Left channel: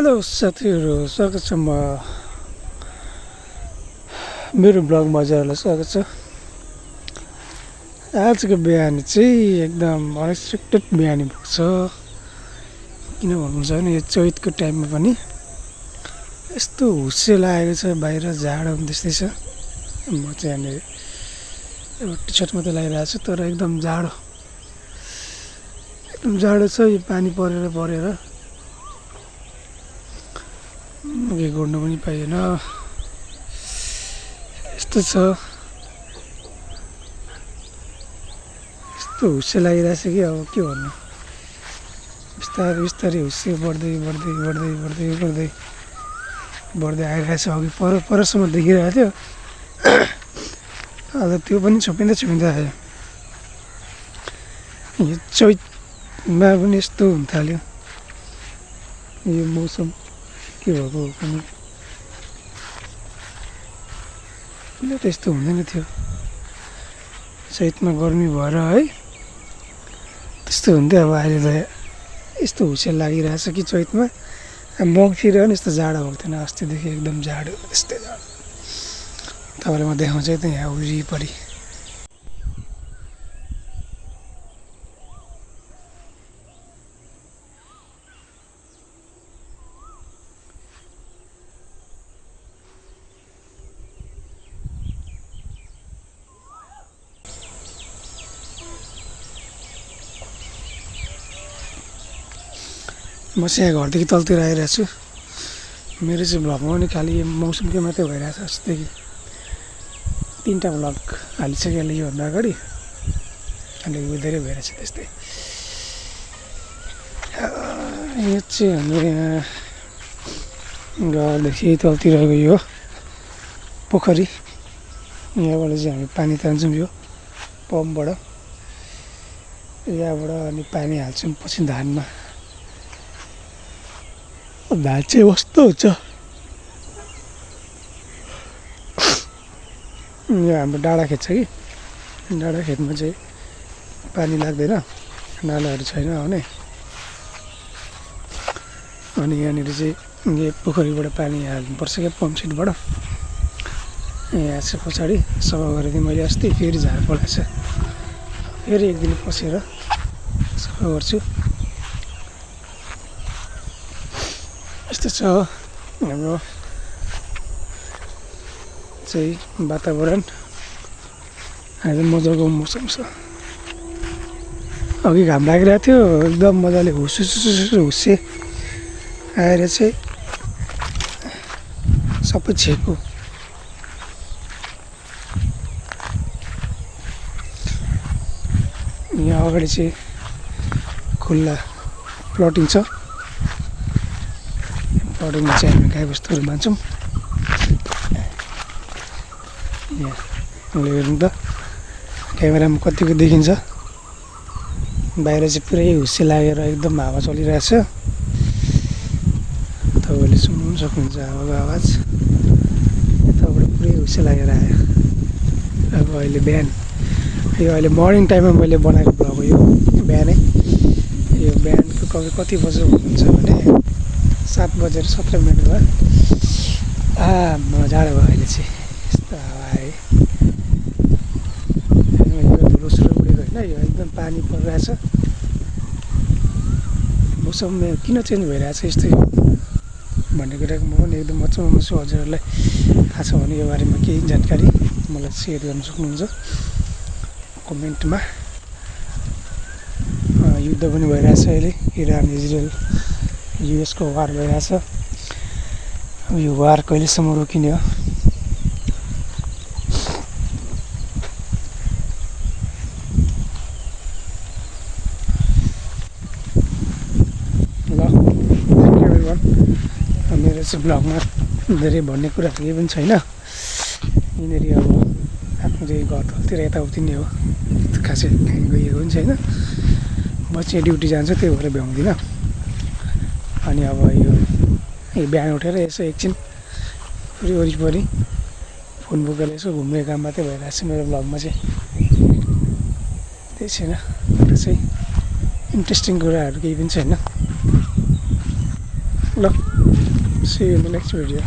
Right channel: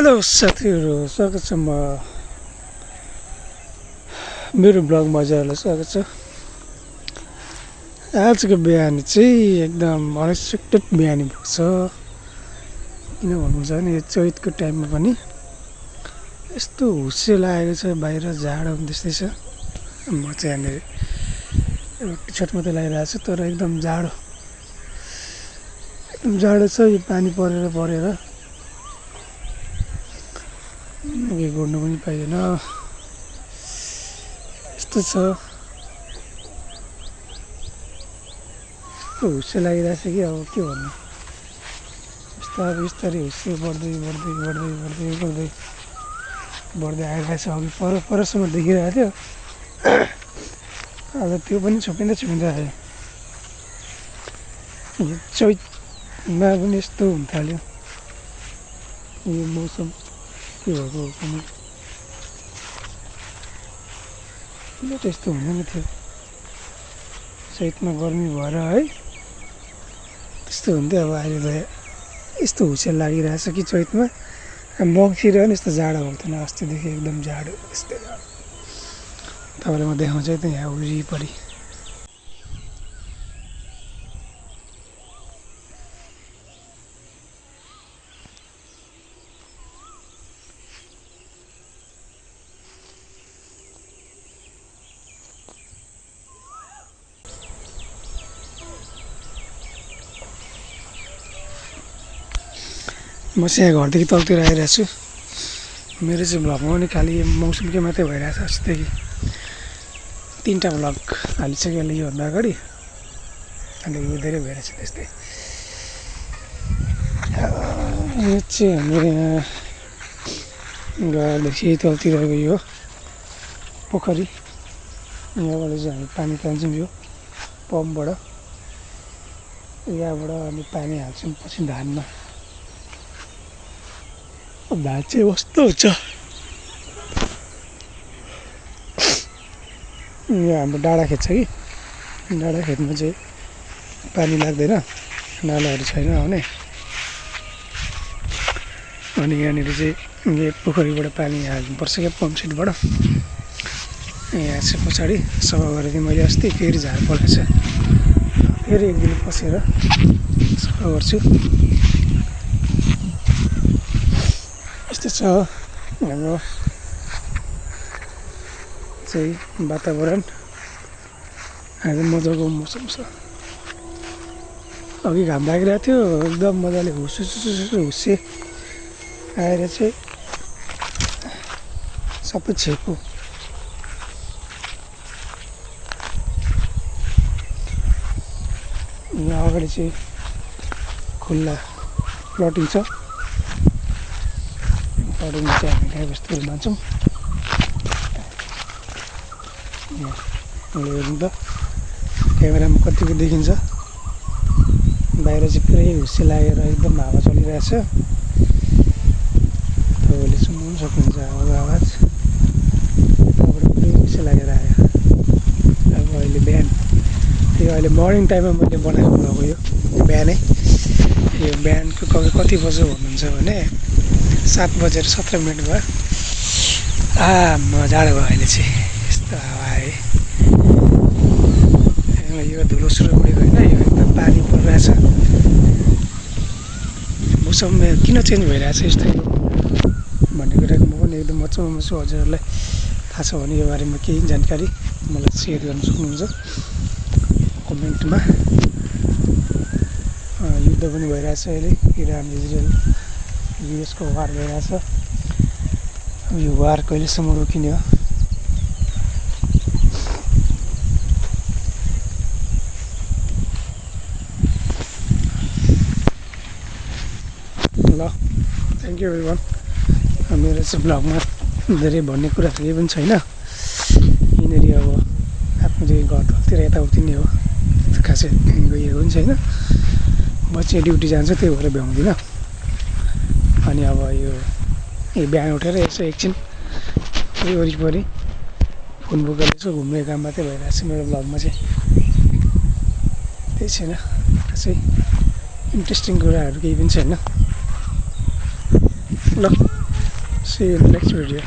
Hello साथीहरू, स्वागत छ मेरो ब्लगमा हजुरहरूलाई स्वागत छ। आजको बिहानी चाहिँ एकदम अनएक्सपेक्टेड बिहानी भएको छ। किन भन्नुहुन्छ भने यो चैतको टाइममा पनि यस्तो हुस्से लागेको छ, बाहिर जाडो त्यस्तै छ। म चाहिँ यहाँनिर एउटा टी सर्ट मात्रै लगाइरहेको छु, तर एकदम जाडो छ। यो पानी परेर के गर्नु पनि पाइएन, यस्तो छ। यस्तो हुस्से लागिरहेछ कि अब के भन्नु। बिस्तारै हुस्से बढ्दै आइरहेछ। अघि परसम्म देखिरहेको थियो, अब त्यो पनि छोपिँदै आयो। यो चैतमा पनि यस्तो हुन थाल्यो यो मौसम। के भएको हो पनि, किन त यस्तो हुँदैन थियो। चैतमा गर्मी भएर है त्यस्तो हुन्थ्यो। अब अहिले त यस्तो हुस्से लागिरहेछ कि चैतमा मङ्सिर पनि यस्तो जाडो भएको थिएन। अस्तिदेखि एकदम जाडो, यस्तै जाडो। तपाईँलाई म देखाउँछु है त यहाँ वरिपरि। म चाहिँ यहाँ घरदेखि तलतिर आइरहेको छु। मेरो चाहिँ भ्लगमा पनि खालि मौसमकै मात्रै भइरहेछ। अस्तिदेखि 3टा भ्लग हालिसक्यो योभन्दा अगाडि, अन्त यो धेरै भइरहेछ त्यस्तै। यो चाहिँ हाम्रो यहाँ घरदेखि तलतिरको यो पोखरी, यहाँबाट चाहिँ हामी पानी तान्छौँ यो पम्पबाट। यहाँबाट अनि पानी हाल्छौँ पछि धानमा। धान चाहिँ कस्तो हुन्छ। यो हाम्रो डाँडा खेत छ कि, डाँडा खेतमा चाहिँ पानी लाग्दैन, नालाहरू छैन आउने। अनि यहाँनिर चाहिँ यो पोखरीबाट पानी हाल्नुपर्छ क्या, पम्पसेटबाट। यहाँ चाहिँ पछाडि सफा गरेको थिएँ मैले अस्ति, फेरि झार पलाएछ। फेरि एक दिन पसेर सफा गर्छु। यस्तो छ हाम्रो चाहिँ वातावरण। आज मजाको मौसम छ। अघि घाम लागिरहेको थियो, एकदम मजाले हुस्से आएर चाहिँ सबै छेको। यहाँ अगाडि चाहिँ खुल्ला प्लटिङ छ। प्लटिङमा चाहिँ हामी गाईबस्तुहरू मान्छौँ। यहाँ हेर्नु त क्यामेरामा कतिको देखिन्छ। बाहिर चाहिँ पुरै हुस्से लागेर एकदम हावा चलिरहेछ। तपाईँले सुन्नु सक्नुहुन्छ हावाको आवाज। यताबाट पुरै हुस्से लागेर आयो। अब अहिले बिहान, यो अहिले मर्निङ टाइममा मैले बनाएको भ्लग हो यो बिहानै। यो बिहानको कति बज्यो भन्नुहुन्छ भने 7:17 भयो। जाडो भयो अहिले चाहिँ, यस्तो हावा आयो। यो धुलो उडेको होइन, यो एकदम पानी परिरहेछ। मौसम किन चेन्ज भइरहेछ यस्तै भन्ने कुराको म पनि एकदम मजामा छु। हजुरहरूलाई थाहा छ भने यो बारेमा केही जानकारी मलाई सेयर गर्न सक्नुहुन्छ कमेन्टमा। युद्ध पनि भइरहेछ अहिले, इरान इजरायल युएसको वार भइरहेछ। यो वार कहिलेसम्म रोकिने हो। ल, थ्याङ्क यू एभ्रिवान। मेरो चाहिँ ब्लगमा धेरै भन्ने कुरा केही पनि छैन। यिनीहरू अब आफ्नो चाहिँ घरतिर यताउति नै हो, खासै गइएको पनि छैन। म चाहिँ ड्युटी जान्छु, त्यही भएर भ्याउँदिनँ। अनि अब यो बिहान उठेर यसो एकछिन वरिपरि फोन बोकेर यसो घुम्ने काम मात्रै भइरहेको छ मेरो ब्लगमा चाहिँ। त्यही छैन, त्यसै इन्ट्रेस्टिङ कुराहरू केही पनि छैन। ल see you in the next video